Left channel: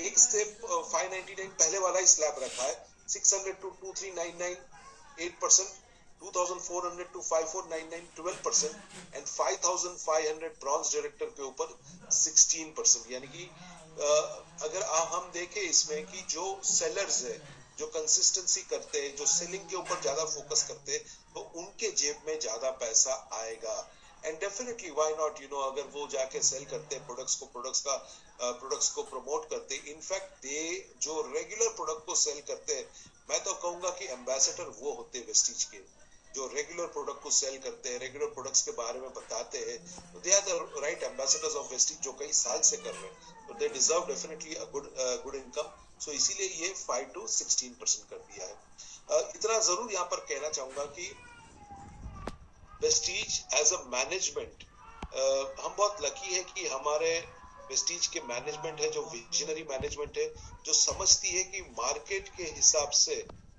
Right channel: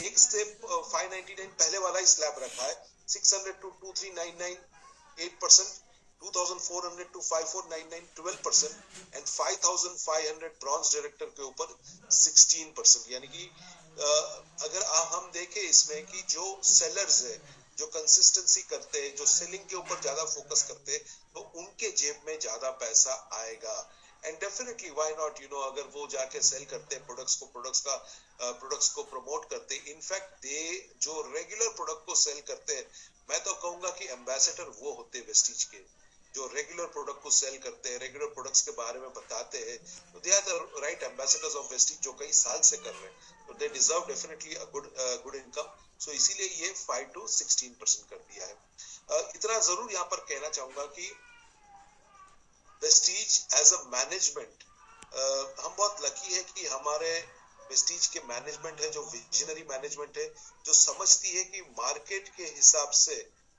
एक से 599 पहले वाला ही स्लैब रखा है, 600 to 2399 8%, 2400 to 5499 12% and 5500 bronze director के ऊपर 16%। यानी कि अगर हम देखें इसमें कि जो सेलर्स है, जो कंसिस्टेंसी करते हैं, जो सेलिंग के ऊपर ज्यादा फोकस करते हैं, तो उनके जेब में ज्यादा पैसा आएगा। एंड डेफिनेटली व्हाई नॉट, अगर वो जाके सेल करते हैं प्रोडक्ट्स को प्रमोट करते हैं, इनफैक्ट दे जो रेगुलर प्रोडक्ट को सेल करते हैं, मैं तो कहूंगा कि एम्बेसडर वो होते हैं वेस्टीज के, जो रेगुलर प्रोडक्ट को सेल करते हैं, रेगुलर प्रोडक्ट्स के बारे में बताते हैं, तो they are the right ambassadors of Vestige, जो कई साल से कर रहे हैं, तो they deserve definitely a good income. So इसीलिए ये 5 to 16% कर दिया है। इतना जरूर यहाँ पर कहना चाहूंगा कि वेस्टीज एज अ मैनेजमेंट, हम बहुत लकी है कि हमारे वेस्टीज के मैनेजमेंट है जो विजनरी मैनेजमेंट है, जो समझती है कि मार्केट के हिसाब से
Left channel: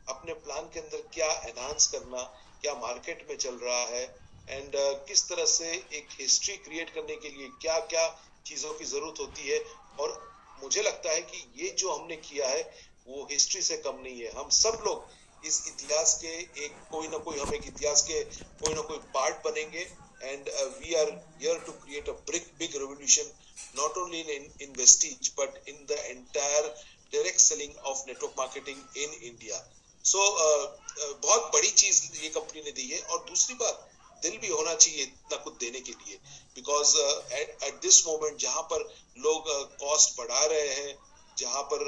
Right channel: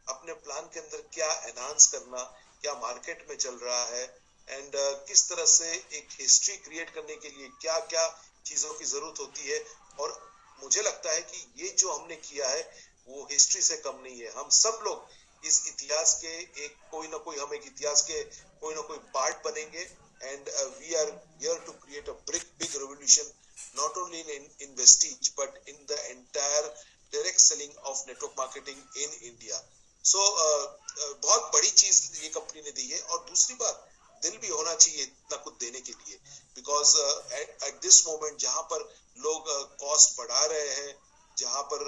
अपने प्लान के अंदर क्या एनहांस करना, क्या मार्केट में चल रहा है, एंड किस तरह से एक हिस्ट्री क्रिएट करने के लिए क्या क्या चीजों की जरूरत होती है। और मुझे लगता है कि ये जो हमने किया है वो हिस्ट्री से कम नहीं है। हम सब लोग इस इतिहास के एक कोई ना कोई, हम एक इतिहास के कोई ना कोई पार्ट बनेंगे, and we are here to create a big revolution, not only in Vestige but in the entire direct selling of network marketing in India. So बहुत बड़ी चीज ये कंपनी ने दी है। और दूसरी बात, दिल भी होना चाहिए इतना कुछ देने के लिए, बिकॉज एट दिस मोमेंट जहां पर लोग कॉस्ट बढ़ा रहे हैं, जहां पर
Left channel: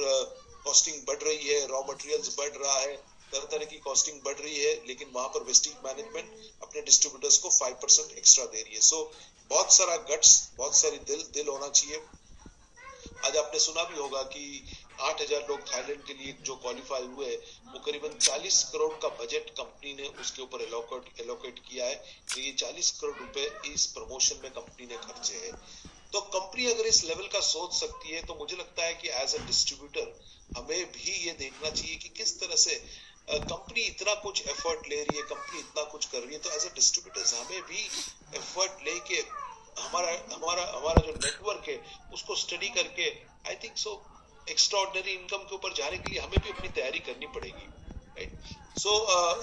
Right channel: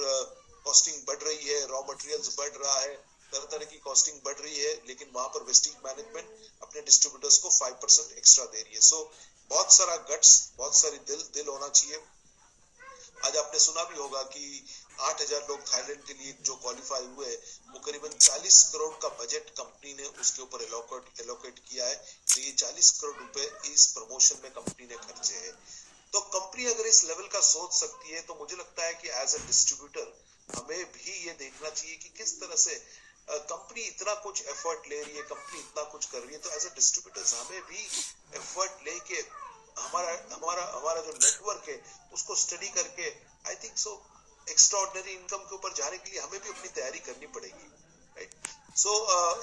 कॉस्टिंग बढ़ रही है, रॉ मटेरियल्स बढ़ रहा है, तरह तरह की कॉस्टिंग बढ़ रही है, लेकिन वहां पर वेस्टीज मैनेजमेंट अपने डिस्ट्रीब्यूटर्स को 5% एक्स्ट्रा दे रही है। सो बहुत सारा गट्स, बहुत सारी दिल होना चाहिए। आज आपने सुना भी होगा कि 8000 लोग थाईलैंड के लिए जो क्वालिफाई हुए, वो करीबन 40 करोड़ का बजट कंपनी ने उसके ऊपर एलोकेट किया है। तो ये 40 करोड़ रुपए इस प्रमोशन में कंपनी ने खर्चे हैं। तो कंपनी अगर इस लेवल का सोच सकती है, तो मुझे लगता है कि एज अ डिस्ट्रीब्यूटर हमें भी ये देखना चाहिए कि किस तरह से कंपनी इतना कुछ एफर्ट ले रही है, कंपनी इतना कुछ कर रही है, तो एज अ डिस्ट्रीब्यूटर्स हमें भी एफर्ट लेके हमारा जो नेटवर्क है उसको स्टडी करके, I think so extraordinary income के ऊपर जाने के लिए हमें भी अपनी तैयारी करनी पड़ेगी, राइट। सो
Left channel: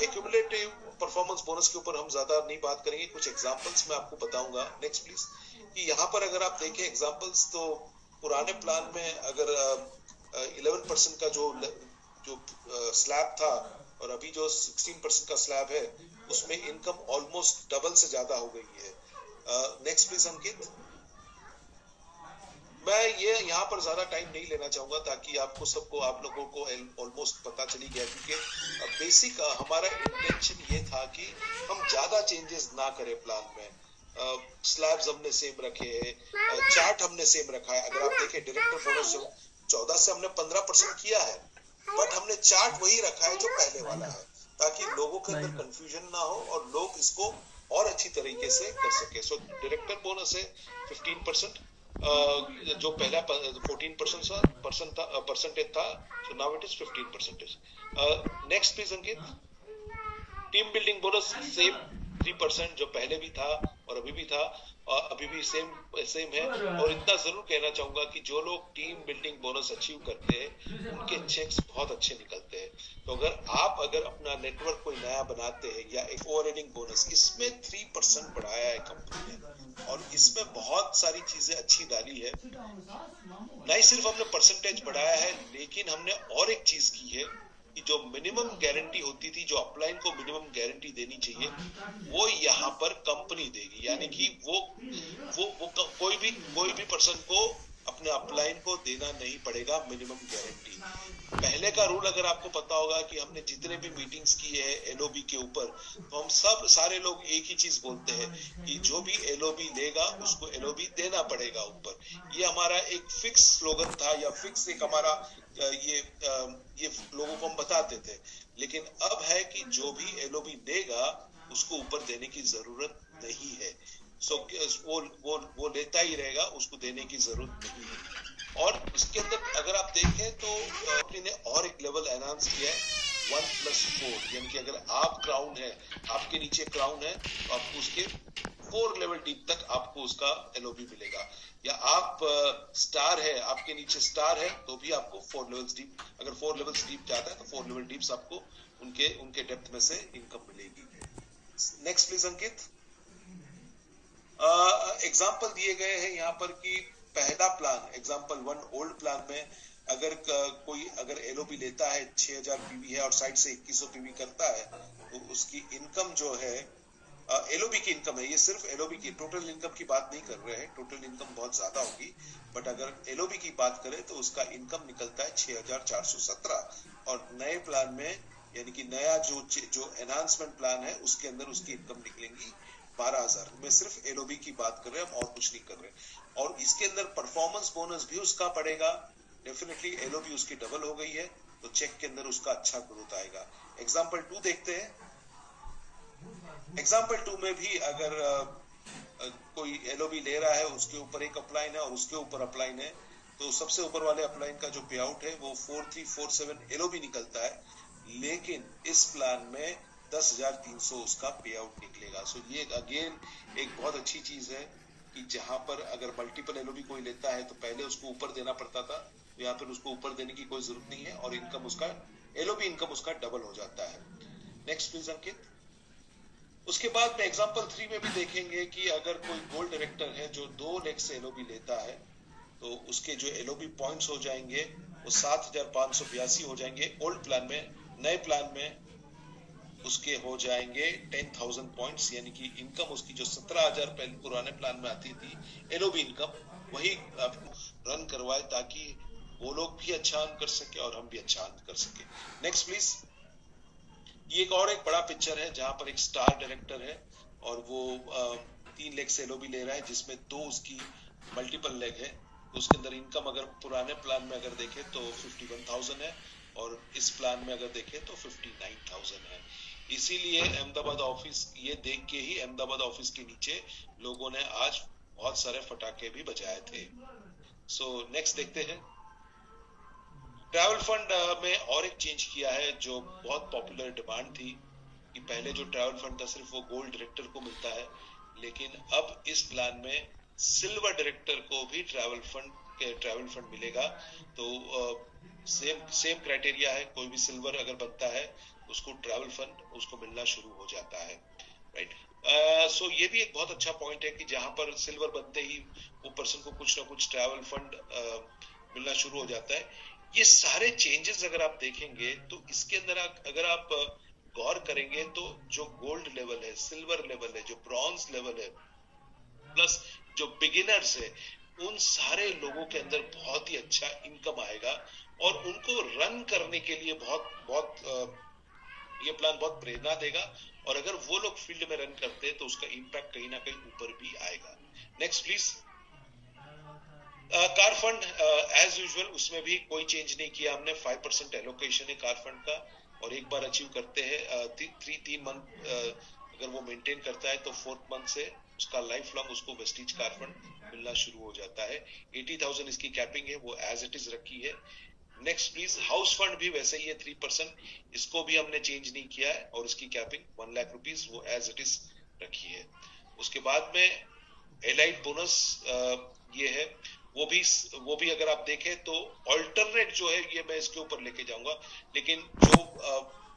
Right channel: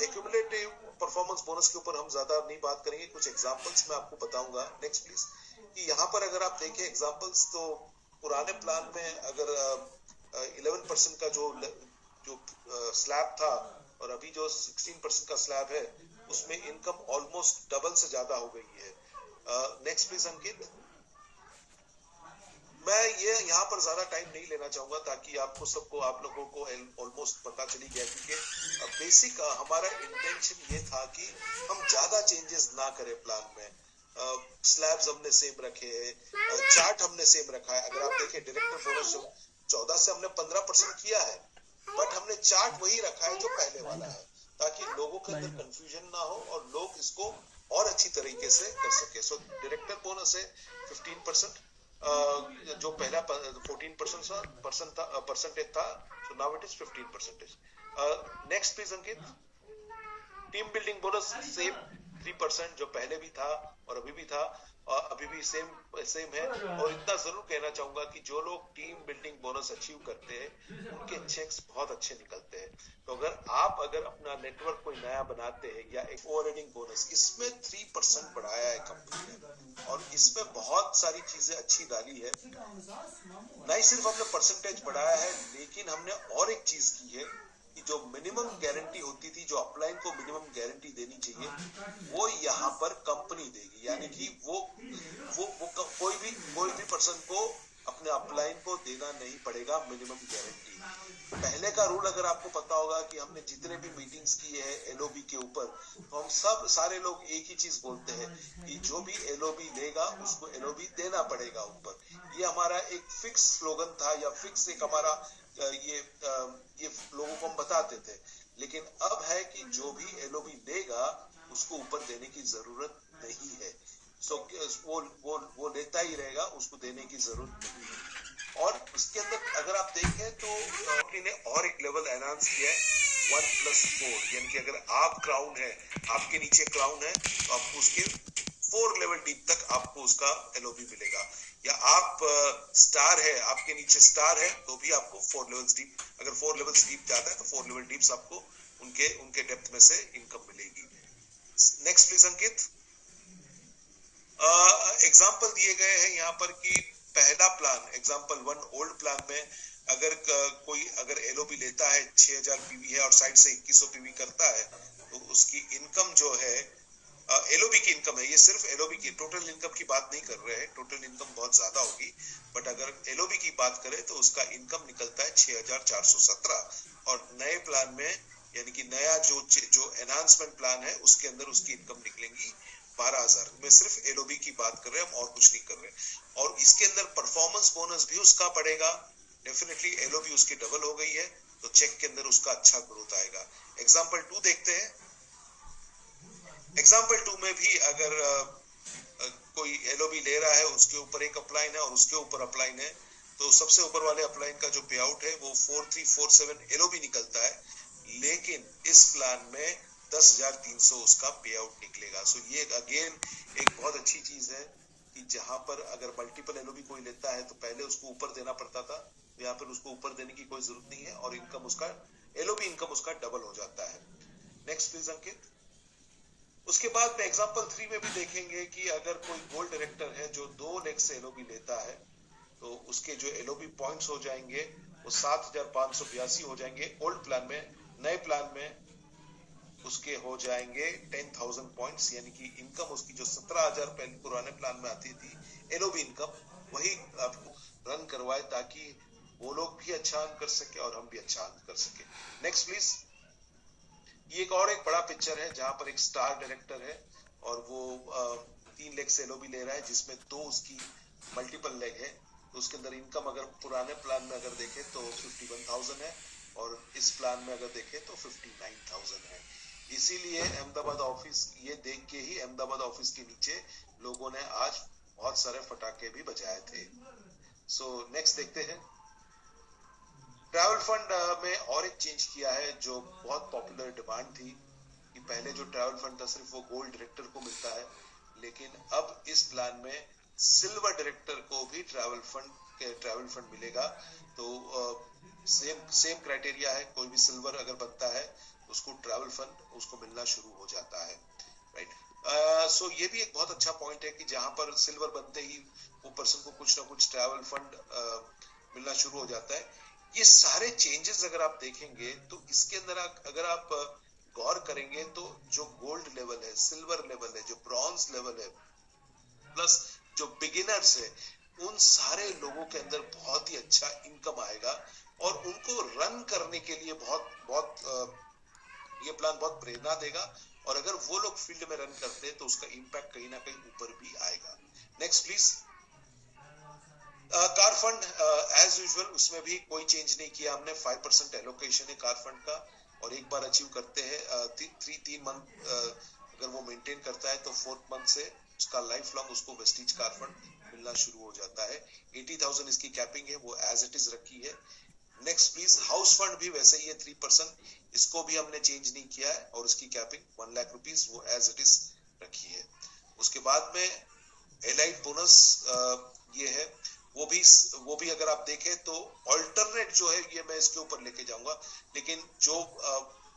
एक्यूमुलेटिव परफॉर्मेंस बोनस के ऊपर हम ज्यादा नहीं बात करेंगे, कुछ एग्जांपल्स मैं आपको बताऊंगा। Next please. कि यहाँ पर अगर आप देखें एग्जांपल्स, तो पुराने प्लान में अगर 11% का जो स्लैब था और अभी जो 16% का स्लैब है, उसमें इनकम ऑलमोस्ट डबल से ज्यादा हो गई है। नेक्स्ट प्लीज अंकित। मैं ये यहाँ पर ज्यादा टाइम नहीं लेना चाहूंगा, ताकि आप लोगों को ऑलमोस्ट पता चली गया, क्योंकि बेसिक हमारा इंटेंशन ये था कि हम ज्यादा चेंजेस ना करें प्लान में। स्लैब्स हमने सेम रखे हैं, चार्ट हमने सेम रखा है। अगर आप देखें डायरेक्टर बोनस 14 से हमने 15% किया है, बट हमने चार्ट वही रखा है जो पहले वाला है, ताकि लोगों के अंदर कंफ्यूजन ना हो और लोग इसको और अच्छी तरीके से कर सके। सो डायरेक्टर बोनस है 15%, जो पहला 14% परसेंटेज था, so now it is 15%। Next please Ankit. Team building bonus same 3%, जो पहले भी था और अभी भी था, अभी भी सेम है। और इतना जरूर कहना चाहूंगा कि जो लोग टीम बिल्डिंग बोनस अचीव करते हैं, उनके चेक्स बहुत अच्छे निकलते हैं। तो अगर अपना नेटवर्क कोई नया बनाते हैं, या एक ओवरहेडिंग बोनस, इसमें 3% बढ़ाया है कंपनी ने, और इसमें बहुत सारी चीजें अच्छी डाली है। नहीं सिर्फ हमने परसेंटेज बढ़ाया है, लेकिन हमने और एक चीज की है कि जो मिनिमम गारंटी होती थी, जो अपलाइन को मिनिमम गारंटी देनी चाहिए, वो यहाँ पर कंपनी देगी। यानी कि वो कोई भी पर्सन को अपने अपलाइन को देना नहीं पड़ेगा मिनिमम गारंटी। पहले का रूल अगर आपको पता होगा कि हमने जितने भी मीटिंग्स की है एलओबी के ऊपर, तो हम सारे लोग एक ही चीज बोलते हैं कि जो भी एलओबी लेगा उसको एलओबी देना पड़ेगा ऊपर। ये हमारा एक फिक्स स्लोगन था, या फिक्स एक हमारा ये लोगों को हम बताते थे। लेकिन अब है कि जो भी एलओबी लेगा उसको ऊपर देने की जरूरत नहीं है। सो वो लेता ही रहेगा, उसको देने की जरूरत नहीं है। और उसके अंदर अगर आप देखें तो कंपनी ने और एक लेवल एनहांस किया है, 1+4। यानी कि अगर आप क्राउन है, आपके नीचे क्राउन है, तो आपको उसके 4 लेवल डीप तक आपको उसका एलओबी मिलेगा। या आप स्टार है, आपके नीचे स्टार है तो भी आपको 4 लेवल्स डीप, अगर 4 लेवल्स डीप जाता है तो 4 लेवल डीप्स आपको उनके डेप्थ में से इनकम मिलेगी। Next please Ankit. एग्जाम्पल दिए गए हैं यहाँ पर कि पहला प्लान एग्जाम्पल 1 ओल्ड प्लान में अगर एलओबी लेता है 6000 पीवी है और साइड से 2100 पीवी करता है तो उसकी इनकम जो है एलओबी की इनकम है, ये सिर्फ एलओबी की टोटल इनकम की बात नहीं कर रहे हैं, टोटल इनकम बहुत ज्यादा होगी, बट अगर एलओबी की बात करें तो उसका इनकम निकलता है 6417 और नए प्लान में यानी कि नया जो एनहांसमेंट प्लान है उसके अंदर उसकी इनकम निकलेंगी 12000। मैं सिर्फ एलओबी की बात कर रहे हैं, हम और कुछ नहीं कर रहे हैं। और इसके अंदर परफॉर्मेंस बोनस भी उसका पड़ेगा, डेफिनेटली एलओबी उसकी डबल हो गई है तो चेक के अंदर उसका अच्छा ग्रोथ आएगा। एग्जाम्पल 2 देखते हैं। एग्जाम्पल 2 में भी अगर कोई एलओबी ले रहा है, उसके ऊपर एक अपलाइन है और उसके ऊपर अपलाइन है, तो सबसे ऊपर वाले अपलाइन का जो पे आउट है वो 4347 एलओबी निकलता है, लेकिन इस प्लान में 10,300 उसका पे आउट निकलेगा। सो ये अगेन एक बहुत अच्छी चीज है कि जहां पर अगर मल्टीपल एलओबी कोई लेता है तो पहले उसको ऊपर देना पड़ता था, यहाँ पर उसको ऊपर देने की कोई जरूरत नहीं है और इनकम उसका एलओबी इनकम उसका डबल हो जाता है। नेक्स्ट प्लीज अंकित। उसके बाद में एग्जांपल 3 में भी देखेंगे कि अगर कोई गोल्ड डायरेक्टर है जो 2 लाख से एलओबी लेता है तो उसके जो एलओबी पॉइंट्स हो जाएंगे वो 7582 हो जाएंगे ओल्ड प्लान में। नए प्लान में उसके हो जाएंगे 10,000 पॉइंट्स, यानी कि इनकम उसकी जो 17,000 पहले पुराने प्लान में आती थी एलओबी इनकम, वही आपको रन करवाए ताकि वो लोग भी अच्छा अर्न कर सके और हम भी अच्छा अर्न कर सके। Next please. ये एक बड़ा पिक्चर है जहां पर एक स्टार डायरेक्टर है और वो 3 लाख से एलओबी ले रहा है जिसमें 2 उसकी मल्टीपल लेग है, तो उसके अंदर इनकम अगर पुराने प्लान में अगर देखें तो 51,000 है और इस प्लान में अगर देखें तो 59,000 है। इसीलिए अहमदाबाद ऑफिस ये देख के ही अहमदाबाद ऑफिस के नीचे लोगों ने आज बहुत सारे फटाके भी बजाए थे। सो नेक्स्ट देखते हैं। ट्रैवल फंड में और एक चेंज किया है जो बहुत पॉपुलर डिमांड थी कि पहले जो ट्रैवल फंड था सिर्फ वो गोल्ड डायरेक्टर को मिलता है, लेकिन अब इस प्लान में सिल्वर डायरेक्टर को भी ट्रैवल फंड मिलेगा। तो सेम क्राइटेरिया है, कोई भी सिल्वर अगर बनता है उसको ट्रैवल फंड उसको मिलना शुरू हो जाता है, राइट। सो ये भी एक बहुत अच्छा पॉइंट है कि जहां पर सिल्वर बनते ही वो पर्सन को कुछ ना कुछ ट्रैवल फंड मिलना शुरू हो जाता है। ये सारे चेंजेस अगर आप देखेंगे तो इसके अंदर अगर आप गौर करेंगे तो जो गोल्ड लेवल है, सिल्वर लेवल है, जो ब्रॉन्ज लेवल है, प्लस जो बिगिनर्स है, उन सारे लोगों के अंदर बहुत ही अच्छा इनकम आएगा और उनको रन करने के लिए ये प्लान बहुत प्रेरणा देगा और अगर वो लोग फील्ड में रन करते हैं तो उसका इम्पैक्ट कहीं ना कहीं ऊपर भी आएगा। Next please. Car fund as usual उसमें भी कोई चेंज नहीं किया हमने, 5% एलोकेशन है कार फंड का और एक बार अचीव करते हैं 3 मंथ अगर वो मेंटेन करता है तो 4th मंथ से उसका लाइफ लॉन्ग उसको वेस्टीज कार फंड मिलना शुरू हो जाता है। 80,000 इसकी कैपिंग है, वो एज इट इज रखी है। Next please. हाउस फंड भी वैसे ही है 3%, इसको भी हमने चेंज नहीं किया है और उसकी कैपिंग 1 लाख रुपीज वो एज इट इज रखी है। उसके बाद में एलाइट बोनस ये है, वो भी अगर आप देखें तो ऑल्टरनेट जो है ये मैं इसके ऊपर लेके जाऊंगा, लेकिन जो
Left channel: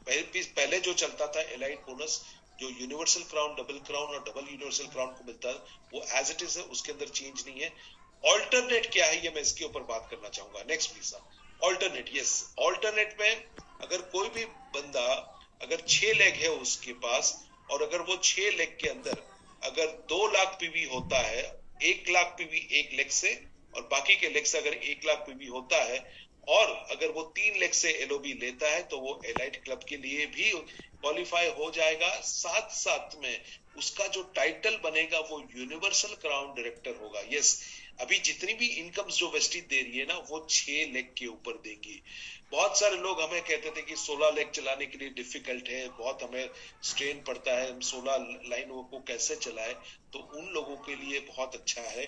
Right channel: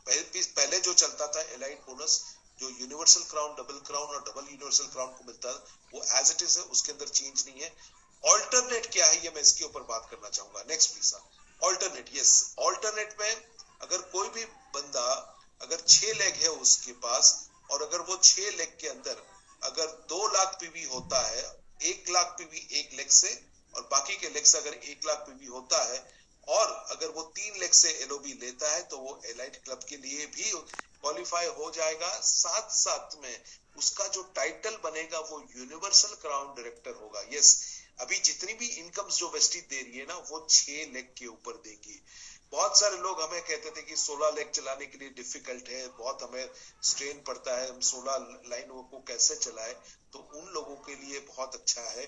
पहले जो चलता था एलाइट बोनस जो यूनिवर्सल क्राउन, डबल क्राउन और डबल यूनिवर्सल क्राउन को मिलता है वो एज इट इज है, उसके अंदर चेंज नहीं है। ऑल्टरनेट क्या है ये मैं इसके ऊपर बात करना चाहूंगा। Next please. Alternate, yes, alternate में अगर कोई भी बंदा अगर 6 लेग है उसके पास और अगर वो 6 लेग के अंदर अगर 2 लाख पीवी होता है, 1 लाख पीवी 1 लेग से और बाकी के लेग से अगर 1 लाख पीवी होता है और अगर वो 3 लेग से एलओबी लेता है तो वो एलाइट क्लब के लिए भी क्वालिफाई हो जाएगा। साथ साथ में उसका जो टाइटल बनेगा वो यूनिवर्सल क्राउन डायरेक्टर होगा। यस, अभी जितनी भी इनकम्स जो वेस्टीज दे रही है ना वो 6 लेग के ऊपर देगी। बहुत सारे लोग हमें कहते थे कि 16 लेग चलाने के लिए डिफिकल्ट है, बहुत हमें स्ट्रेन पड़ता है, हम 16 लाइनों को कैसे चलाए, तो उन लोगों के लिए बहुत अच्छा है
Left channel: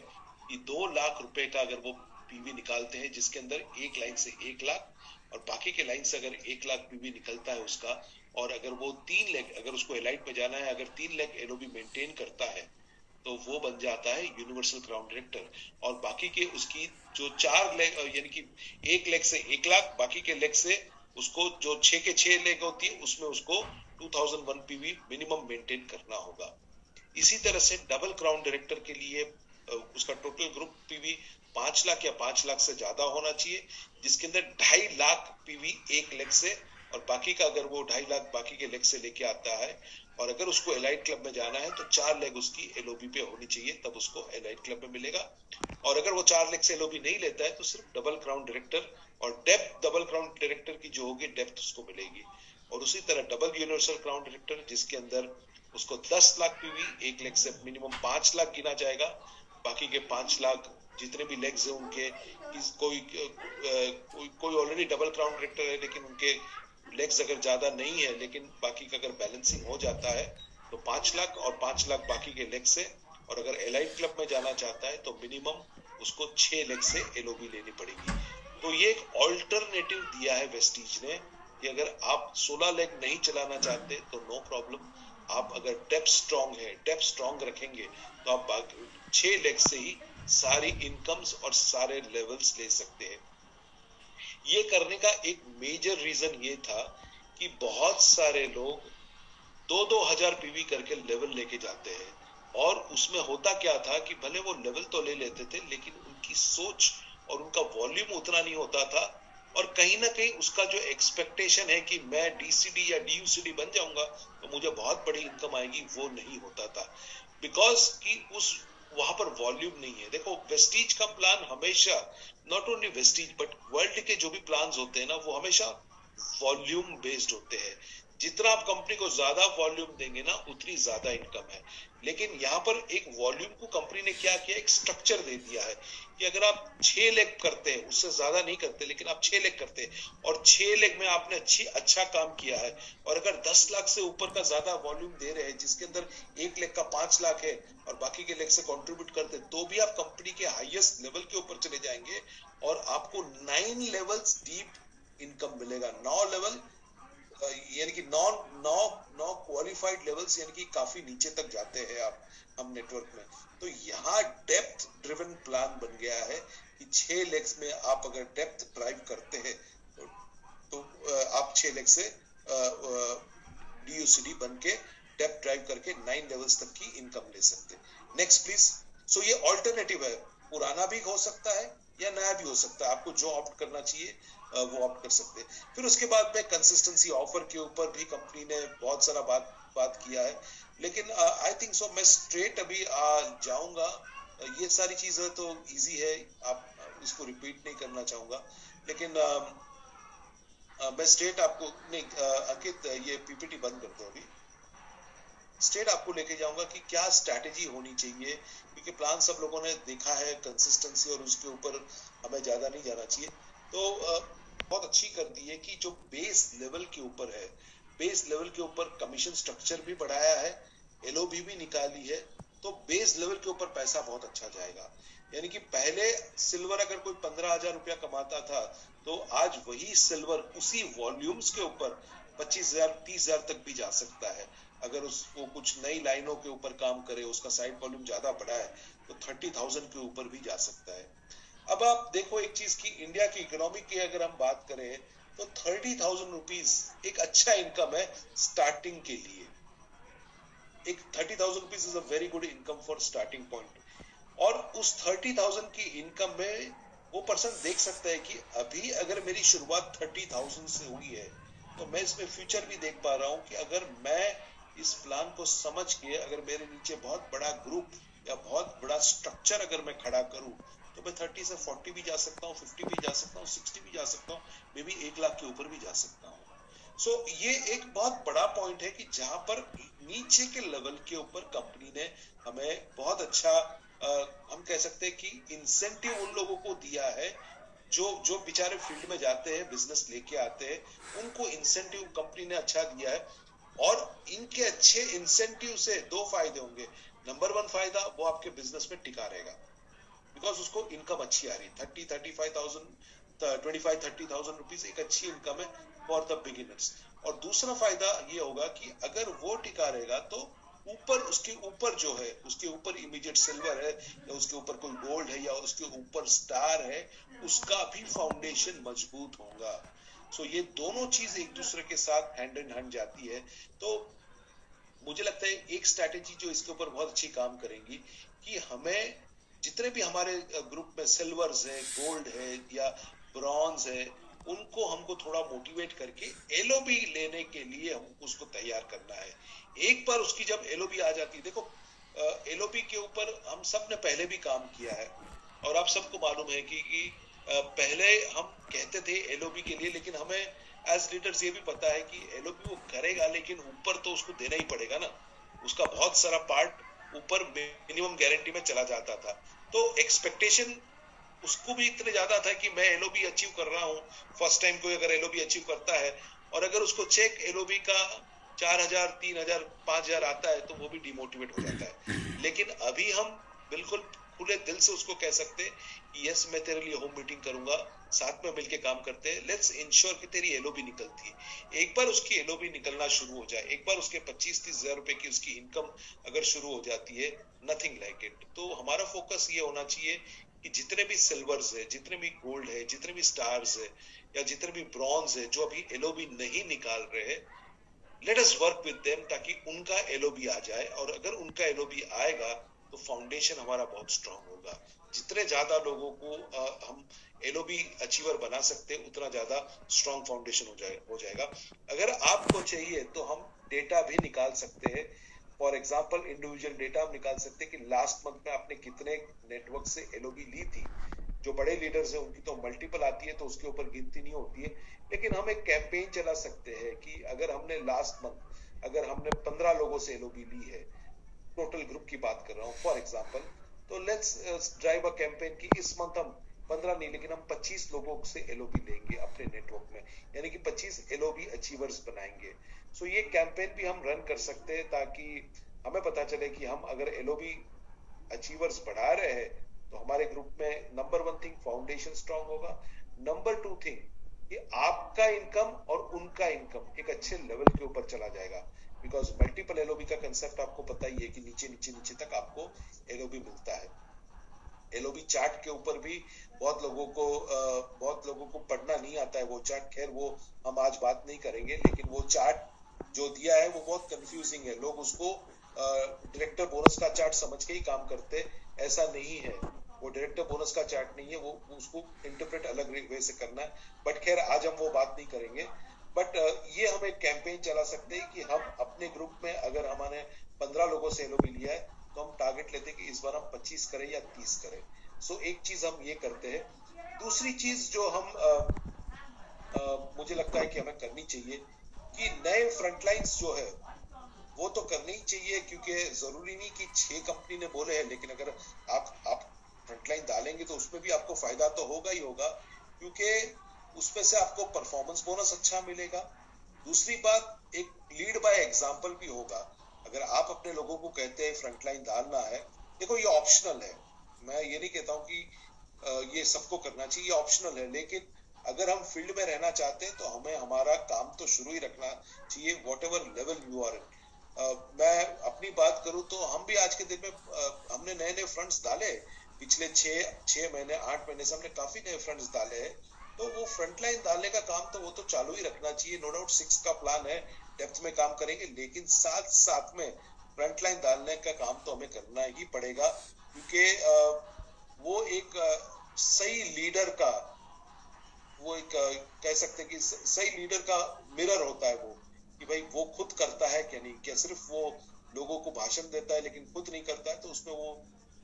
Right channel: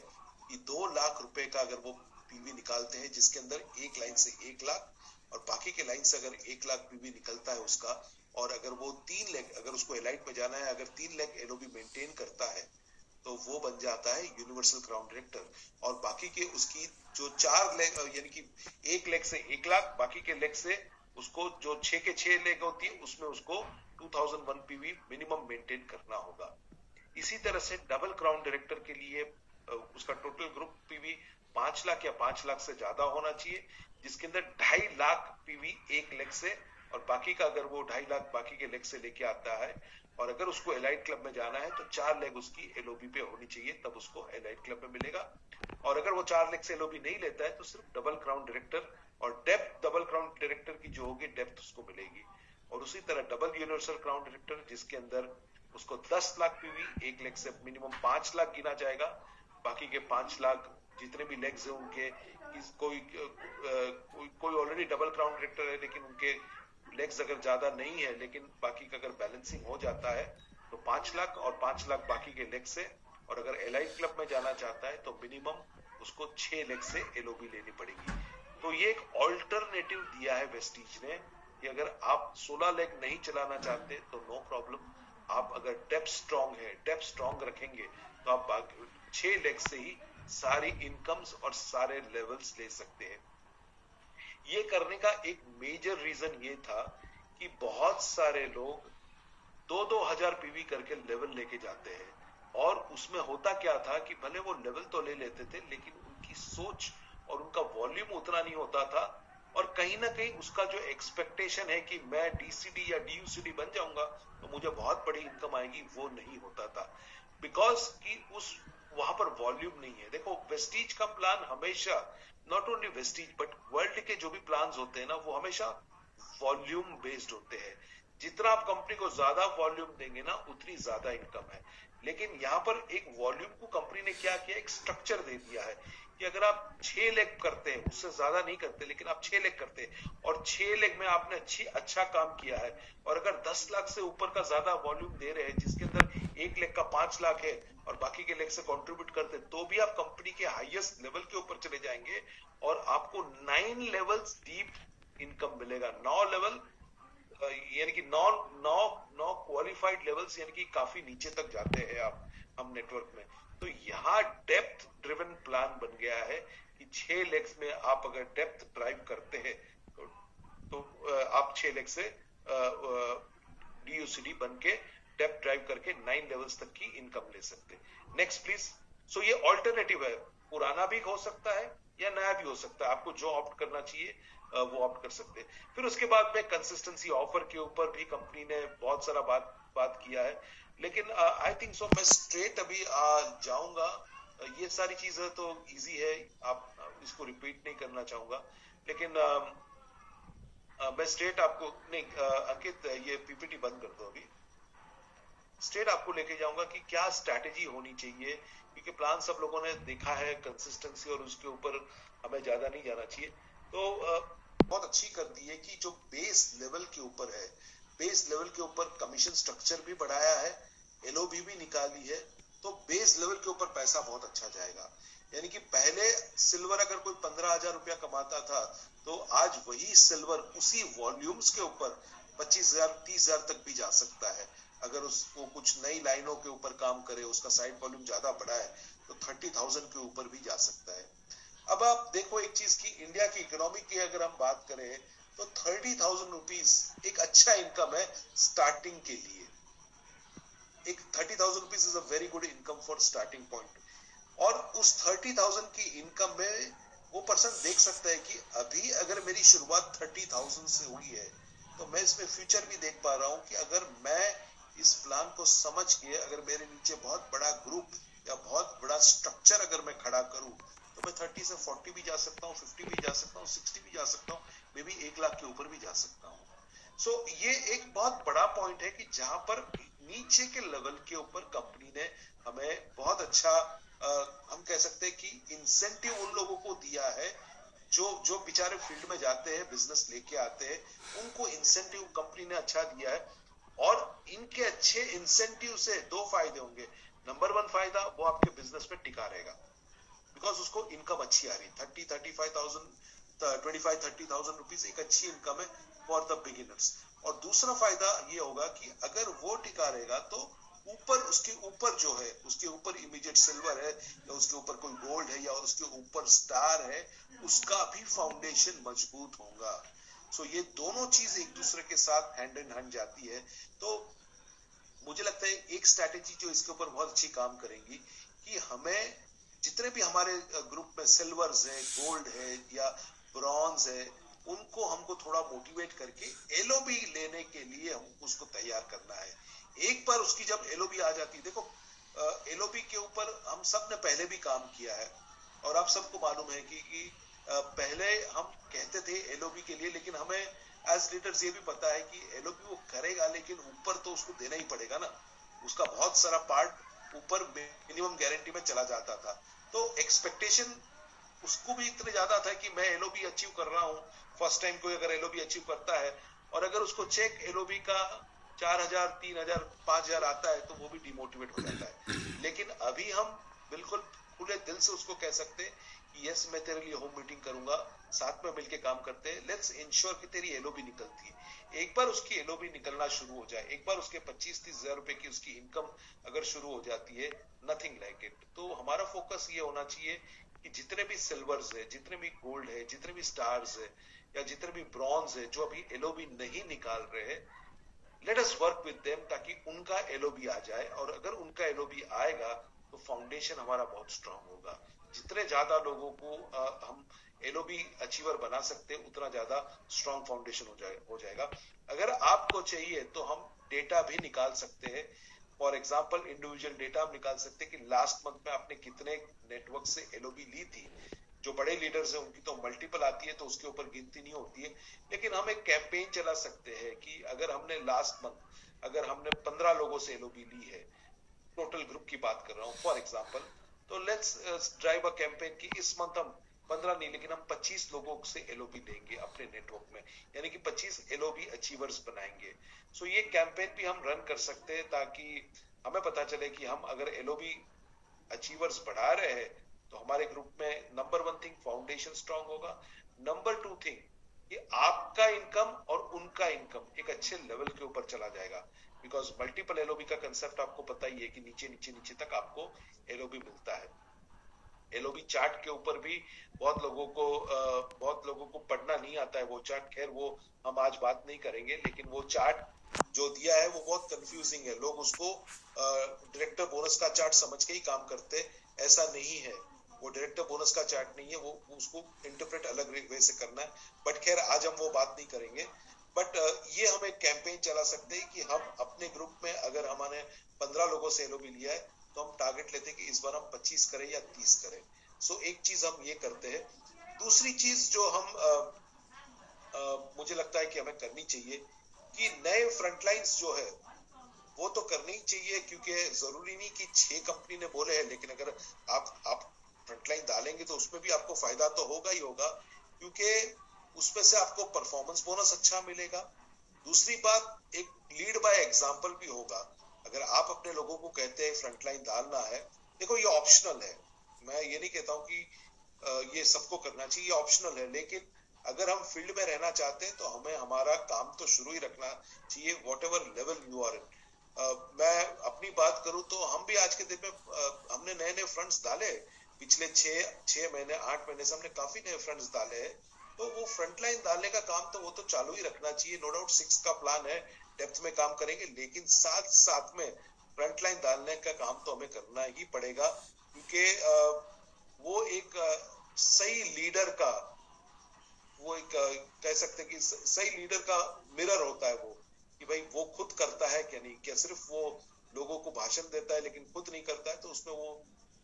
कि 2 लाख रुपए का अगर वो पीवी निकालते हैं जिसके अंदर एक लाइन से 1 लाख और बाकी के लाइन से अगर 1 लाख पीवी निकलता है उसका, और अगर वो 3 लेग अगर उसको एलाइट में जाना है, अगर 3 लेग एलओबी मेंटेन करता है तो वो बन जाता है यूनिवर्सल क्राउन डायरेक्टर। और बाकी के उसकी जो 4 लेग यानी कि एक लेग से 1 लाख, बाकी के लेग से उसको जो 6 के 6 लेग होती है उसमें उसको 2001 पीवी मिनिमम मेंटेन करना होगा। इसी तरह से डबल क्राउन डायरेक्टर के लिए उसका टोटल ग्रुप पीवी 5 लाख या 5 लाख से ज्यादा होना चाहिए, जिसके अंदर 2.5 लाख पीवी एक लेग से, और बाकी का अगर वो 2.5 लाख बाकी के लेग से लेके आता है, और अगर उसको एलाइट क्लब में जाना है तो 4 लेग उसकी एलओबी पे होनी चाहिए, तब उसको एलाइट क्लब में मिलेगा। और अगर वो 4 लेग से एलओबी नहीं लेता है तो सिर्फ डबल क्राउन डायरेक्टर और डेप्थ डबल क्राउन डायरेक्टर की जो होगी डेप्थ उसको मिलेगी। और उसी तरह डबल यूनिवर्सल क्राउन डायरेक्टर जिसके अंदर उसको 10 लाख पीवी एक लेग से मिनिमम 5 लाख गिना जाएगा, बाकी के 5 लाख जितने भी लेग्स हैं उनके कोई ऑलरेडी डबल क्राउन डायरेक्टर है लेकिन उनके लेग्स अगर ज्यादा नहीं है लेकिन बाकी का अगर बैलेंसिंग हो जाता है तो 5 लाख और 5 लाख बाकी के लेग से। और अगर एलाइट क्लब में जाना चाहता है तो मिनिमम उसको 6 लेग से एलओबी लेनी पड़ेगी। तो ये एक ऑल्टरनेटिव दिया है वेस्टीज ने कि अगर आप 16 लेग नहीं चलाना चाहते तो नो प्रॉब्लम, आप अगर डेप्थ स्ट्रांग है, डेप्थ स्ट्रांग रखेंगे तो आप 6 लेग से ही सारी इनकम्स और सारे लेवल्स ले सकते हैं। ये करने का एक मेजर रीजन ये था कि बहुत सारे लोग 2-2 हजार पीवी करके लेवल लेके जाते हैं, और उसमें होता क्या था कि भले वो लेवल तो ले लेते थे लेकिन उनकी सोच और उनका वॉल्यूम उतना नहीं होता था, और कहीं ना कहीं उसका जो एक्सपेक्टेशन है कि मैं डीसीडी या डीयूसीडी बन जाऊंगा तो मुझे बहुत बड़ी इनकम आएगी, वो नहीं होता था बिकॉज कि उस वहां पर वॉल्यूम नहीं है। देखो वेस्टीज का प्लान हमेशा, not only Vestige but world के जो भी प्लान होते हैं ना वो हमेशा वॉल्यूम बेस्ड होते हैं। जितना आप कंपनी को ज्यादा वॉल्यूम देंगे ना उतनी ज्यादा इनकम है। लेकिन यहाँ पर एक वॉल्यूम को कंपनी ने क्या किया, एक स्ट्रक्चर दे दिया है कि अगर आप 6 लेग करते हैं, उससे ज्यादा नहीं करते लेकिन आप 6 लेग करते हैं और 6 लेग में आपने अच्छा काम किया है, और अगर 10 लाख से ऊपर का ज्यादा वॉल्यूम दे रहे हैं जिसके अंदर एक लेग का 5 लाख है और बाकी के लेग से कंट्रीब्यूट करते हैं, तो भी आप कंपनी के हाईएस्ट लेवल के ऊपर चले जाएंगे और आपको 9 लेवल्स डीप इनकम मिलेगा। 9 लेवल यानी कि नौ क्वालिफाइड लेवल्स, यानी कि काफी नीचे तक जाते हैं आप हम नेटवर्क में। तो यहाँ डेप्थ ड्रिवन प्लान बन गया है कि 6 लेग्स में आप अगर डेप्थ ड्राइव करते हैं तो आप 6 लेग से डीयूसीडी बन के डेप्थ ड्राइव करके 9 लेवल्स तक की इनकम ले सकते। Next please. सो ये ऑल्टरनेटिव है, पुराना भी हो सकता है या नया भी हो सकता है, आपको जो ऑप्ट करना चाहिए वो ऑप्ट कर सकते हैं। फिर उसके बाद में कंसिस्टेंसी ऑफर के ऊपर भी कंपनी ने बहुत सारा बात किया है, लेकिन आई थिंक सो मैं स्ट्रेट अभी जाऊंगा। ये सारी चीजें तो इजी है, आप इसको रिपीट नहीं करना चाहूंगा, लेकिन मैं स्ट्रेट आपको नहीं अंकित ये पीपीटी बंद कर दो अभी। स्ट्रेट आपको लेके जाऊंगा कि क्या स्ट्रैटेजी होनी चाहिए, क्योंकि प्लान सब लोगों ने देखा है कंसिस्टेंसी और उसके ऊपर हमें ज्यादा नहीं जाना चाहिए। तो बहुत अच्छी कर दी है कि जो बेस लेवल के ऊपर है, बेस लेवल के ऊपर कमीशन स्ट्रक्चर भी बढ़ाया है, एलओबी भी निकाली है, तो बेस लेवल के ऊपर पैसा बहुत अच्छा जाएगा। यानी कि पहले सिल्वर अगर कोई 15,000 रुपया कमाता था तो आज वही सिल्वर उसी वॉल्यूम्स के ऊपर 25,000 30,000 तक भी जा सकता है। अगर उसको कुछ नई लाइनों के ऊपर काम करे, उसका साइड वॉल्यूम ज्यादा बड़ा है तो 30,000 के ऊपर भी जा सकता है। अब आप देखो एक चीज की, इंडिया की इकोनॉमी की अगर हम बात करें तो 30,000 रुपीज एक अच्छा इनकम है स्टार्टिंग के लिए। एक 30,000 rupees is a very good income for starting point. और उस 30,000 की इनकम में वो पर्सन देख सकता है कि अभी अगर मेरी शुरुआत 30,000 से हुई है तो मैं इसमें फ्यूचर भी देख पा रहा हूं कि अगर मैं इस प्लान को समझ के अगर मेरे नीचे बहुत बड़ा ग्रुप या बहुत बड़ा स्ट्रक्चर अगर मैं खड़ा करूं तो मैं 30 से 40 भी जा सकता हूँ, 50 भी जा सकता हूँ, 60 भी जा सकता हूँ, मे बी 1 लाख के ऊपर भी जा सकता हूँ। सो ये एक बहुत बड़ा पॉइंट है कि जहां पर नीचे के लेवल के ऊपर कंपनी ने हमें बहुत अच्छा हम कह सकते हैं कि इंसेंटिव उन लोगों को दिया है जो बेचारे फील्ड में जाते हैं, बिजनेस लेके आते हैं, उनको इंसेंटिव कंपनी ने अच्छा दिया है। और इनके अच्छे इंसेंटिव से 2 फायदे होंगे। नंबर 1 फायदा, वो आपके बिजनेस में टिका रहेगा बिकॉज उसको इनकम अच्छी आ रही है। 25-30,000 रुपीज एक अच्छी इनकम है फॉर द बिगिनर्स। और दूसरा फायदा ये होगा कि अगर वो टिका रहेगा तो ऊपर उसके ऊपर जो है, उसके ऊपर इमीडिएट सिल्वर है या उसके ऊपर कोई गोल्ड है या उसके ऊपर स्टार है, उसका भी फाउंडेशन मजबूत होगा। सो ये दोनों चीज एक दूसरे के साथ हैंड इन हैंड जाती है। तो मुझे लगता है एक स्ट्रैटेजी जो इसके ऊपर बहुत अच्छी काम करेंगी कि हमें जितने भी हमारे ग्रुप में सिल्वर्स है, गोल्ड है या ब्रॉन्ज है, उनको हमको थोड़ा मोटिवेट करके एलओबी लेने के लिए हमको उसको तैयार करना है। एक बार उसकी जब एलओबी आ जाती है, देखो एलओबी के ऊपर हम सब ने पहले भी काम किया है और आप सबको मालूम है कि पहले हम कहते थे एलओबी के लिए, लेकिन हमें एज लीडर्स ये भी पता है कि एलओबी वो करेगा लेकिन ऊपर तो उसको देना ही पड़ेगा ना, उसका बहुत सारा पार्ट ऊपर मिनिमम गारंटी में चला जाता था। तो एक्सपेक्टेशन उसको भी इतने ज्यादा था कि मैं एलओबी अचीव कर रहा हूँ। फर्स्ट टाइम कोई अगर एलओबी अचीव करता है और अगर उसको चेक एलओबी का 4,000, 3,000, 5,000 आता है तो वो भी डिमोटिवेट हो जाता है। लेकिन अभी हम बिल्कुल खुले दिल से उसको कह सकते हैं कि यस मैं तेरे लिए होम मीटिंग करूंगा, साथ में मिलके काम करते हैं, लेट्स इंश्योर कि तेरी एलओबी निकलती है। एक बार उसकी एलओबी निकलना शुरू हो जाए, एक बार उसके 25-30 हजार रुपए की उसकी इनकम अगर शुरू हो जाती है, नथिंग लाइक इट। तो हमारा फोकस ये होना चाहिए कि जितने भी सिल्वर्स है, जितने भी गोल्ड है, जितने भी स्टार्स है या जितने भी ब्रॉन्ज है जो अभी एलओबी नहीं निकाल रहे हैं, let us work with them ताकि उनका एलओबी आ जाए। और अगर उनका एलओबी आएगा तो फाउंडेशन हमारा बहुत स्ट्रांग होगा। जितने ज्यादा लोगों को हम एलओबी अचीवर बना सकते हैं उतना ज्यादा स्ट्रांग फाउंडेशन हो जाएगा। अगर आपको चाहिए तो हम डेटा भी निकाल सकते हैं। फॉर एग्जाम्पल इंडिविजुअल डेटा हम निकाल सकते हैं कि लास्ट मंथ में आपने कितने नेटवर्क से एलओबी ली थी। जो बड़े लीडर्स हैं उनकी तो मल्टीपल आती है तो उसके ऊपर गिनती नहीं होती है, लेकिन हम एक कैंपेन चला सकते हैं कि अगर हमने लास्ट मंथ अगर हमने 15 लोगों से एलओबी ली है, टोटल ग्रुप की बात कर रहा हूं फॉर एग्जांपल, तो लेट्स ड्राइव अ कैंपेन कि इस मंथ हम 15 नहीं लेकिन हम 25 लोगों से एलओबी लेंगे अपने नेटवर्क में, यानी कि 25 एलओबी अचीवर्स बनाएंगे। सो ये कैंपेन भी हम रन कर सकते हैं ताकि हमें पता चले कि हम अगर एलओबी अचीवर्स बढ़ा रहे हैं तो हमारे ग्रुप में नंबर 1 थिंग फाउंडेशन स्ट्रांग होगा, नंबर 2 थिंग कि आपका इनकम और उनका इनकम एक अच्छे लेवल के ऊपर चला जाएगा। बिकॉज मल्टीपल एलओबी का कंसेप्ट आपको पता ही है कि नीचे नीचे नीचे तक आपको एलओबी मिलता है। एलओबी चार्ट के ऊपर भी बहुत लोगों को पढ़ना नहीं आता है वो चार्ट, खैर वो हम आज बात नहीं करेंगे, लेकिन वो चार्ट जो दिया है वो बहुत कंफ्यूजिंग है। लोग उसको डायरेक्टर बोनस का चार्ट समझ के ही काम करते, ऐसा नहीं है। वो डायरेक्टर बोनस का चार्ट नहीं है, वो उसको इंटरप्रेट अलग वे से करना है, बट खैर आज हम वो बात नहीं करेंगे। बट ये हम एक कैंपेन चला सकते हैं कि हम अपने ग्रुप में अगर हमने 15 लोगों से एलओबी लिया है तो हम टारगेट लेते हैं कि इस बार हम 25 करें या 30 करें। सो एक चीज हम ये करते हैं। दूसरी चीज जो हम मुझे लगता है कि हमें करनी चाहिए कि नए फ्रंटलाइंस जो है वो तो करनी ही चाहिए, क्योंकि जरूरी नहीं कि 6 कंपनी ने बोले हैं, लेकिन अगर आप फ्रंटलाइन डालेंगे तो उसमें भी आपको फायदा तो होगा ही होगा, क्योंकि उसमें से आपको परफॉर्मेंस बोनस अच्छा मिलेगा। दूसरी बात एक लीड बाय एग्जांपल भी होगा। अगर आप अपने लोगों को कहते हैं फ्रंटलाइन डालना है, देखो ये ऑप्शनल है, मैं ये नहीं कहता हूं कि ये सबको करना चाहिए, ये ऑप्शनल है, लेकिन अगर हम फील्ड में रहना चाहते हैं तो हमें हमारा काम तो शुरू ही रखना चाहिए whatever level you are in. मैं अपनी बात करूं तो हम भी आज के दिन में हमने नए नए फंड्स डाले पिछले 6 महीने 8 महीने से हमने काफी नए फंड्स डाले हैं। तो वो फ्रंटलाइन डालने का काम तो वो तो चालू ही रखना चाहिए। नो डाउट 6 का प्लान है, डेप्थ में काम करेंगे, लेकिन साथ साथ में फ्रंटलाइन डालने का काम तो हमें करना ही पड़ेगा, क्योंकि वो एक सही लीडर का वो एक कह सकते हैं कि सही लीडर का मिरर होता है वो, कि भाई वो खुद करता है क्या नहीं, क्या सिर्फ वो लोगों को भाषण देता है लेकिन खुद नहीं करता है, तो उसमें वो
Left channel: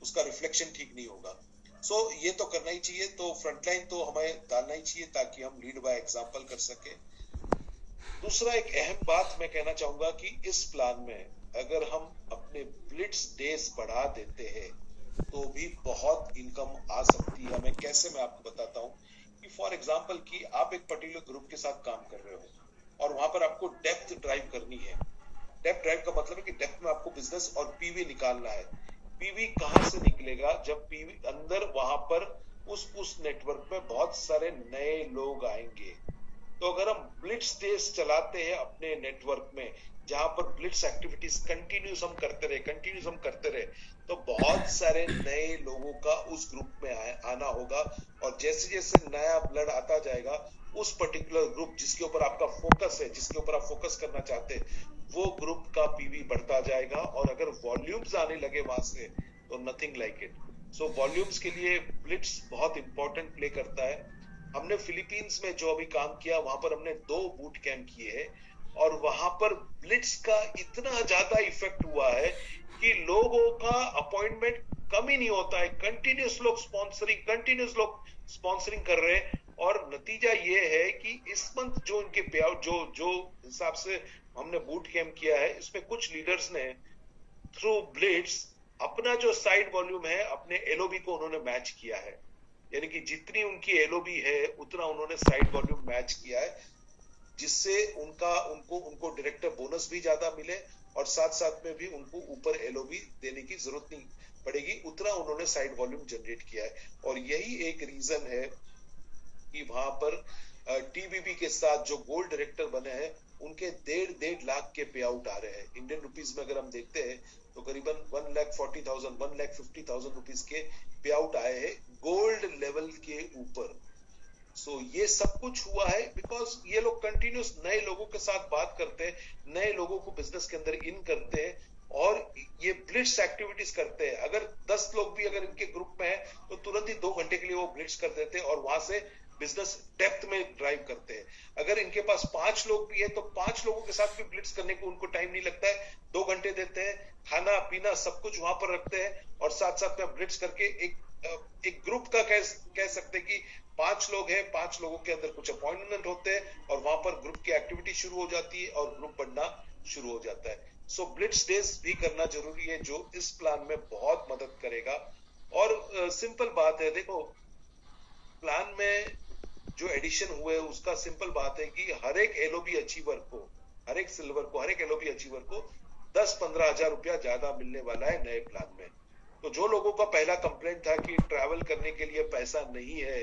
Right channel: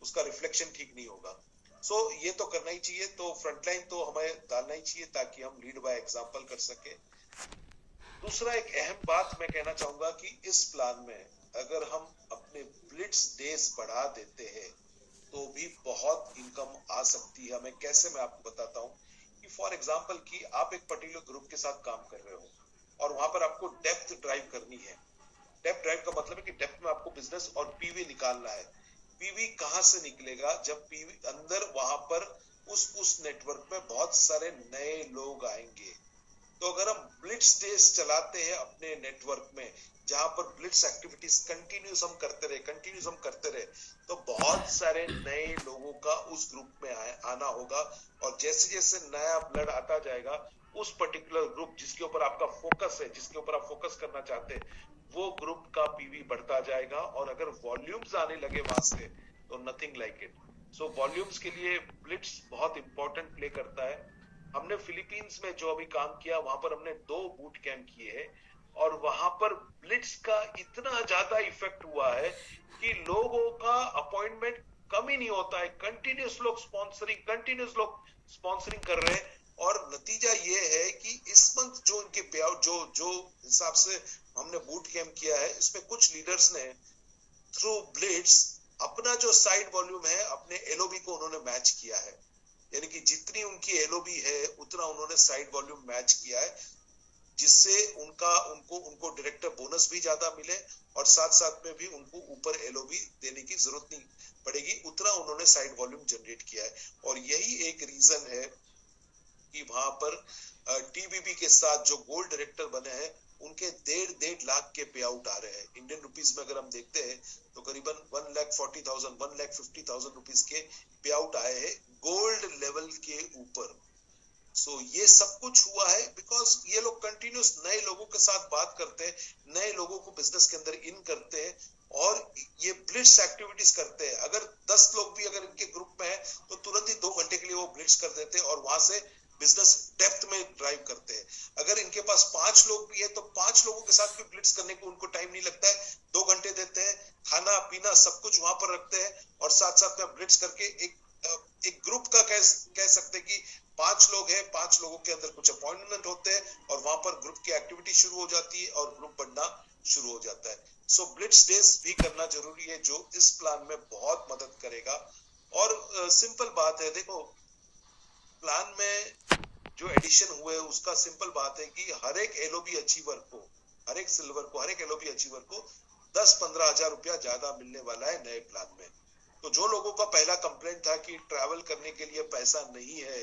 उसका रिफ्लेक्शन ठीक नहीं होगा। सो ये तो करना ही चाहिए। तो फ्रंटलाइन तो हमें डालना ही चाहिए ताकि हम लीड बाय एग्जांपल कर सके। दूसरा एक अहम बात मैं कहना चाहूंगा कि इस प्लान में अगर हम अपने ब्लिट्स डेज बढ़ा देते हैं तो भी बहुत इनकम आ सकती है हमें। कैसे, मैं आपको बताता हूँ कि फॉर एग्जांपल कि आप एक पर्टिकुलर ग्रुप के साथ काम कर रहे हो और वहां पर आपको डेप्थ ड्राइव करनी है। डेप्थ ड्राइव का मतलब है कि डेप्थ में आपको बिजनेस और पीवी निकालना है। पीवी कहां से निकलेगा? जब पीवी अंदर वहां पर उस नेटवर्क में बहुत सारे नए लोग आएंगे। तो अगर हम ब्लिट्स डेज चलाते हैं अपने नेटवर्क में, जहां पर ब्लिट्स एक्टिविटीज कंटिन्यूस हम करते रहे, तो बहुत सारे नए लोगों का उस ग्रुप में आना होगा। और जैसे जैसे नया ब्लड आता जाएगा, उस पर्टिकुलर ग्रुप जिसके ऊपर आपका फोकस है, जिसके ऊपर आप फोकस करना चाहते हैं, वो ग्रुप का पीवी बढ़ता जाएगा। और अगर वॉल्यूम्स आने लगे वहां से, तो nothing like it. So volumes के लिए ब्लिट्स बहुत इंपॉर्टेंट प्ले करता है। हमने फिलीपींस में जो अभी काम किया, वहां पर हमने 2 बूट कैंप किए हैं, और वहां पर ब्लिट्स का इतना ज्यादा इफेक्ट हुआ है कि लोगों का अपॉइंटमेंट कम ही नहीं होता है। कंटिन्यूस लोग स्पॉन्सरिंग कर रहे हैं। और नतीजा ये है कि इस मंथ जो इनके पे आउट जो जो हिसाब से हमने बूट कैंप किया है, इसमें कुछ लीडर्स ने थ्रू ब्लिट्स अपना जो साइड वॉल्यूम है, अपने एलओबी को उन्होंने मैच किया है। यानी कि जितनी उनकी एलओबी है, उतना उन्होंने साइड वॉल्यूम मैच किया है, जिससे उनको डायरेक्टर बोनस भी ज्यादा मिले, और साथ साथ में भी उनको ऊपर एलओबी देने की जरूरत नहीं पड़ेगी। उतना उन्होंने साइड वॉल्यूम जनरेट किया है। और यही एक रीजन है कि वहां पर टीबीबी के साथ जो गोल्ड डायरेक्टर बने हैं, उनके 1.5 लाख के पे आउट आ रहे हैं। इंडियन रुपीस में अगर हम देखते हैं, तो करीबन 1,40,000 1,50,000 रुपीज के पे आउट आए हैं गोल्ड लेवल के ऊपर। सो ये सब कुछ हुआ है बिकॉज ये लोग कंटिन्यूस नए लोगों के साथ बात करते हैं, नए लोगों को बिजनेस के अंदर इन करते हैं, और ये ब्लिट्स एक्टिविटीज करते हैं। अगर 10 लोग भी अगर इनके ग्रुप में है, तो तुरंत ही 2 घंटे के लिए वो ब्लिट्स कर देते हैं, और वहां से बिजनेस डेप्थ में ड्राइव करते हैं। अगर इनके पास 5 लोग भी है, तो 5 लोगों के साथ भी ब्लिट्स करने को उनको टाइम नहीं लगता है। 2 घंटे देते हैं, खाना पीना सब कुछ वहां पर रखते हैं, और साथ साथ में ब्लिट्स करके एक ग्रुप का कह सकते हैं कि 5 लोग हैं, 5 लोगों के अंदर कुछ अपॉइंटमेंट होते हैं, और वहां पर ग्रुप की एक्टिविटी शुरू हो जाती है, और ग्रुप बढ़ना शुरू हो जाता है। सो ब्लिट्स डेज भी करना जरूरी है, जो इस प्लान में बहुत मदद करेगा। और सिंपल बात है, देखो प्लान में जो एडिशन हुए, उसका सिंपल बात है कि हर एक एलओबी अचीवर को, हर एक सिल्वर को, हर एक एलओबी अचीवर को 10-15 हजार रुपया ज्यादा मिलने वाला है नए प्लान में। तो जो लोगों का पहला कंप्लेंट था कि ट्रैवल करने के लिए पैसा नहीं है,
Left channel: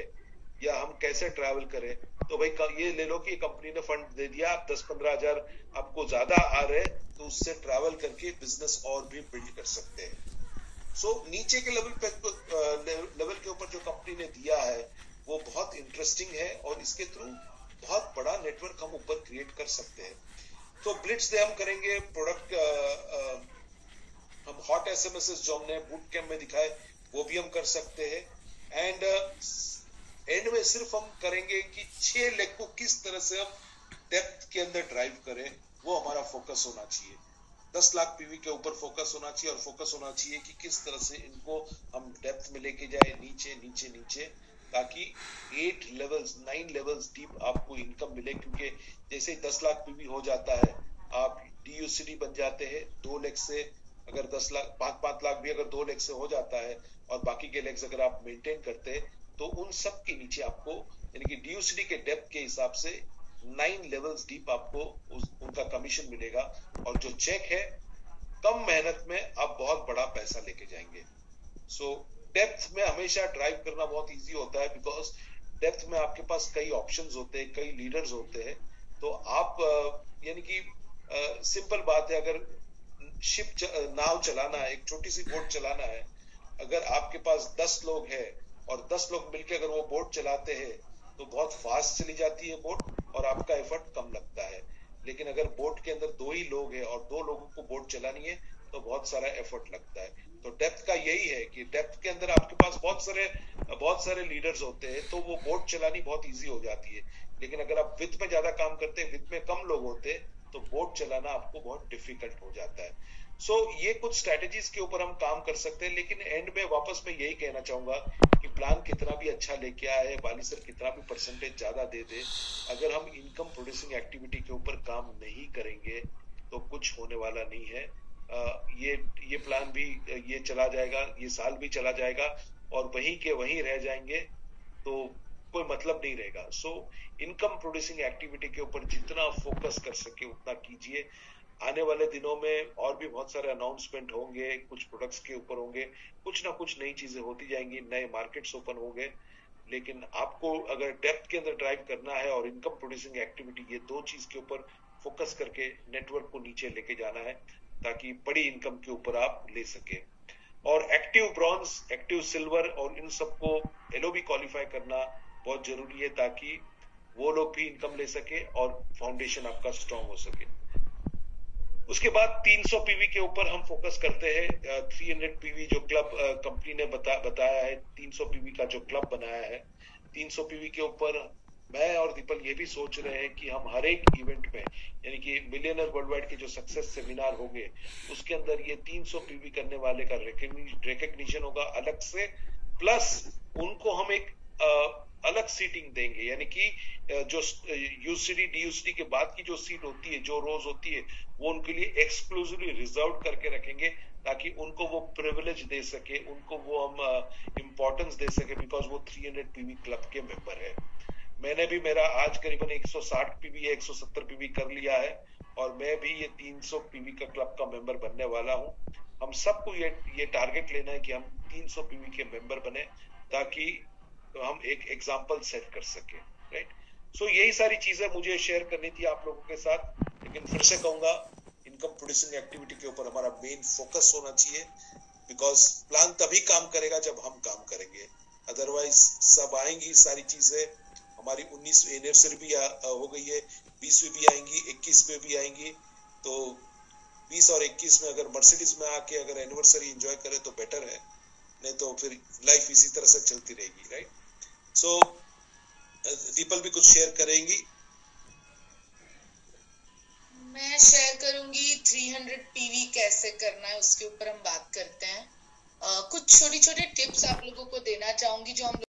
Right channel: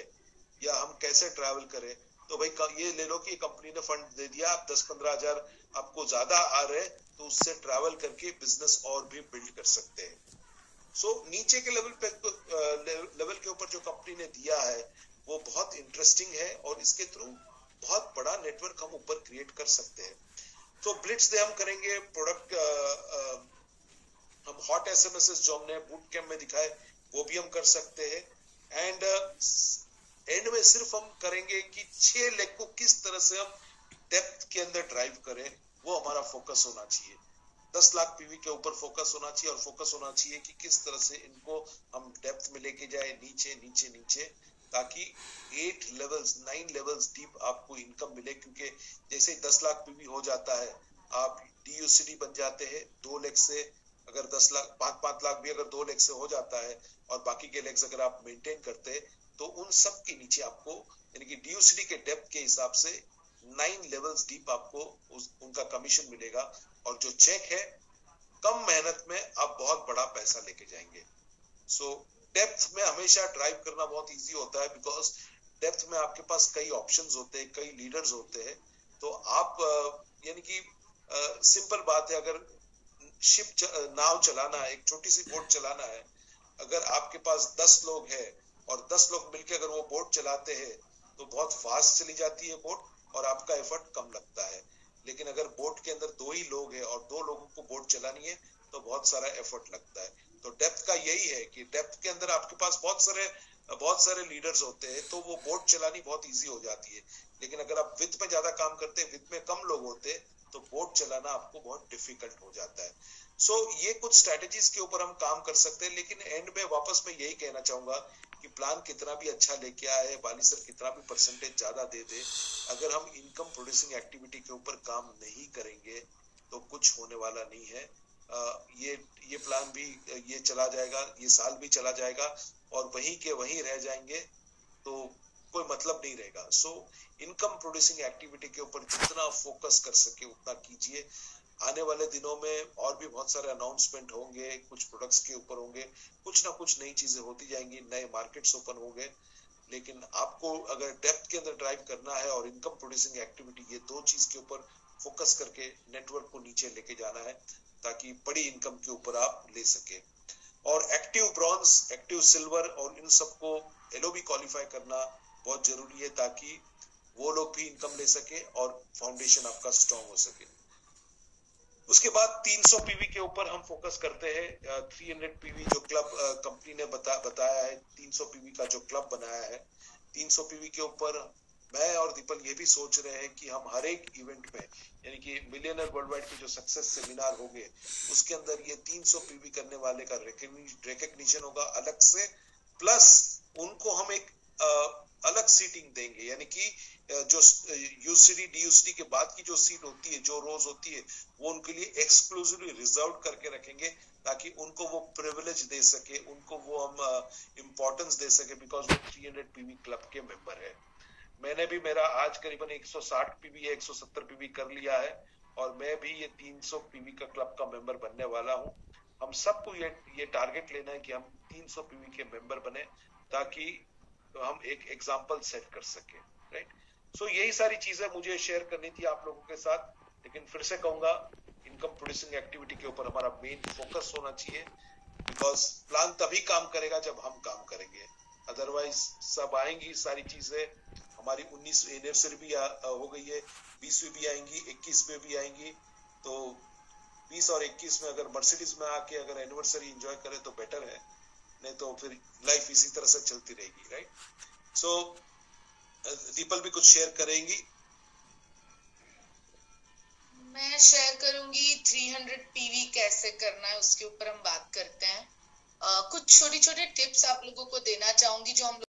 या हम कैसे ट्रैवल करें, तो भाई ये ले लो कि कंपनी ने फंड दे दिया, 10-15 हजार आपको ज्यादा आ रहे, तो उससे ट्रैवल करके बिजनेस और भी बिल्ड कर सकते हैं। सो नीचे के लेवल के ऊपर जो कंपनी ने दिया है, वो बहुत इंटरेस्टिंग है, और इसके थ्रू बहुत बड़ा नेटवर्क हम ऊपर क्रिएट कर सकते हैं। तो ब्लिट्स डे हम करेंगे, प्रोडक्ट हम हॉट एसएमएस जो हमने बूट कैंप में दिखाए, वो भी हम कर सकते हैं। एंड एंड में सिर्फ हम करेंगे कि 6 लेग को किस तरह से हम डेप्थ के अंदर ड्राइव करें, वो हमारा फोकस होना चाहिए। 10 लाख पीवी के ऊपर फोकस होना चाहिए, और फोकस होना चाहिए कि किस तरह से इनको हम डेप्थ में लेके जाए, नीचे नीचे नीचे, ताकि 8 लेवल्स 9 लेवल्स डीप आपको इनकम मिले। क्योंकि जैसे ही 10 लाख पीवी हो जाता है, आप डीयूसीडी बन जाते हैं। 2 लेग से अगर 10 लाख 5-5 लाख भी अगर 2 लेग से हो जाता है, और बाकी के लेग्स अगर आप मेंटेन करते हैं, तो उन सब के नीचे आपको, यानी कि डीयूसीडी के डेप्थ के हिसाब से 9 लेवल्स डीप आपको उनका कमीशन मिलेगा। और जो चेक है, कम मेहनत में आप बहुत बड़ा पैसा लेके जाएंगे। सो डेप्थ में हमेशा ड्राइव करना बहुत इजी होता है, बिकॉज डेप्थ में आपके पास कई ऑप्शंस होते हैं, कई लीडर्स होते हैं। तो आप यानी कि सिंपल बात है, अगर नाव चलाना है, एक छोटी सी बोट चलाना है, अगर आपके पास 10 लोग हैं, और 10 लोग मिलकर अगर वो बोट चलाते हैं, तो बहुत फास्ट चली जाती है बोट, और आपका एफर्ट कम लगता है। लेकिन अगर बोट के अंदर 2 ही लोग हैं, और 2 लोगों को बोट चलानी है, तो बहुत सारा एफर्ट लगता है। तो डेप्थ का यही है कि डेप्थ के अंदर आपके पास बहुत सारे लीडर्स होते हैं, तो वो बोट चलानी बहुत इजी हो जाती है। लेकिन अगर आप विथ में ज्यादा काम करते हैं, विथ में कम लोग होते हैं, तो बोट चलाना आपको बहुत डिफिकल्ट हो जाता है। सो ये कुछ स्ट्रेटेजीज के ऊपर हम काम कर सकते हैं। लेकिन एंड में वापस मैं यही कहना चाहूंगा कि प्लान कितना भी अच्छा लेके आए, बाली सर कितना भी परसेंटेज ज्यादा दे दे, अगर हम इनकम प्रोड्यूसिंग एक्टिविटी के ऊपर काम नहीं करेंगे, तो कुछ होने वाला नहीं है। ये प्लान भी ये चला जाएगा, ये साल भी चला जाएगा, और वहीं के वहीं रह जाएंगे, तो कोई मतलब नहीं रहेगा। सो इनकम प्रोड्यूसिंग एक्टिविटी के ऊपर जितना फोकस कर सके उतना कीजिए। आने वाले दिनों में और भी बहुत सारे अनाउंसमेंट होंगे, कुछ प्रोडक्ट्स के ऊपर होंगे, कुछ ना कुछ नई चीजें होती जाएंगी, नए मार्केट्स ओपन होंगे। लेकिन आपको अगर डेप्थ के अंदर ड्राइव करना है और इनकम प्रोड्यूसिंग एक्टिविटी, ये दो चीज के ऊपर फोकस करके नेटवर्क को नीचे लेके जाना है ताकि बड़ी इनकम के ऊपर आप ले सके। और एक्टिव ब्रॉन्ज, एक्टिव सिल्वर और इन सबको एलओबी क्वालिफाई करना बहुत जरूरी है ताकि वो लोग भी इनकम ले सके और फाउंडेशन आपका स्ट्रांग हो सके। उसके बाद 300 पीवी के ऊपर हम फोकस करते हैं। 300 पीवी जो क्लब कंपनी ने बताया है, 300 पीवी का जो क्लब बनाया है, 300 पीवी के ऊपर मैं और दीपल ये भी सोच रहे हैं कि हम हर एक इवेंट में, यानी कि मिलियनर वर्ल्ड वाइड के जो सक्सेस सेमिनार होंगे उसके अंदर ये 300 पीवी करने वाले का रिकग्निशन होगा अलग से, प्लस उनको हम एक अलग सीटिंग देंगे, यानी कि जो यूसीडी डीयूसीडी के बाद की जो सीट होती है, जो रोज होती है, वो उनके लिए एक्सक्लूसिवली रिजर्व करके रखेंगे ताकि उनको वो प्रिविलेज दे सके, उनको वो हम इम्पोर्टेंस दे सके, बिकॉज वो 300 पीवी क्लब के मेंबर है। मैंने भी मेरा आज करीबन 160 पीवी या 170 पीवी कर लिया है और मैं भी ये 300 पीवी का क्लब का मेंबर बनने वाला हूं। हम सबको ये टारगेट लेना है कि हम 300 पीवी के मेंबर बने ताकि हम एक एग्जाम्पल सेट कर सके, राइट। सो यही सारी चीजें मुझे शेयर करनी थी आप लोगों के साथ, लेकिन फिर से कहूंगा इनकम प्रोड्यूसिंग एक्टिविटी के ऊपर हमारा मेन फोकस होना चाहिए, बिकॉज प्लान तभी काम करेगा जब हम काम करेंगे, अदरवाइज सब आएंगी सारी चीजें। हमारी 19वीं एनिवर्सरी भी हो गई है, 20वीं भी आएंगी, 21 में भी आएंगी, तो 20 और 21 में अगर मर्सिडीज में आके अगर एनिवर्सरी एंजॉय करें तो बेटर है, नहीं तो फिर लाइफ इसी तरह से चलती रहेगी, राइट। सो दीपल भी कुछ शेयर करेंगी? मैं शेयर करूंगी 300 पीवी कैसे करना है, उसके ऊपर हम बात करते हैं। कुछ छोटे छोटे टिप्स आप लोगों को देना चाहूंगी जो हम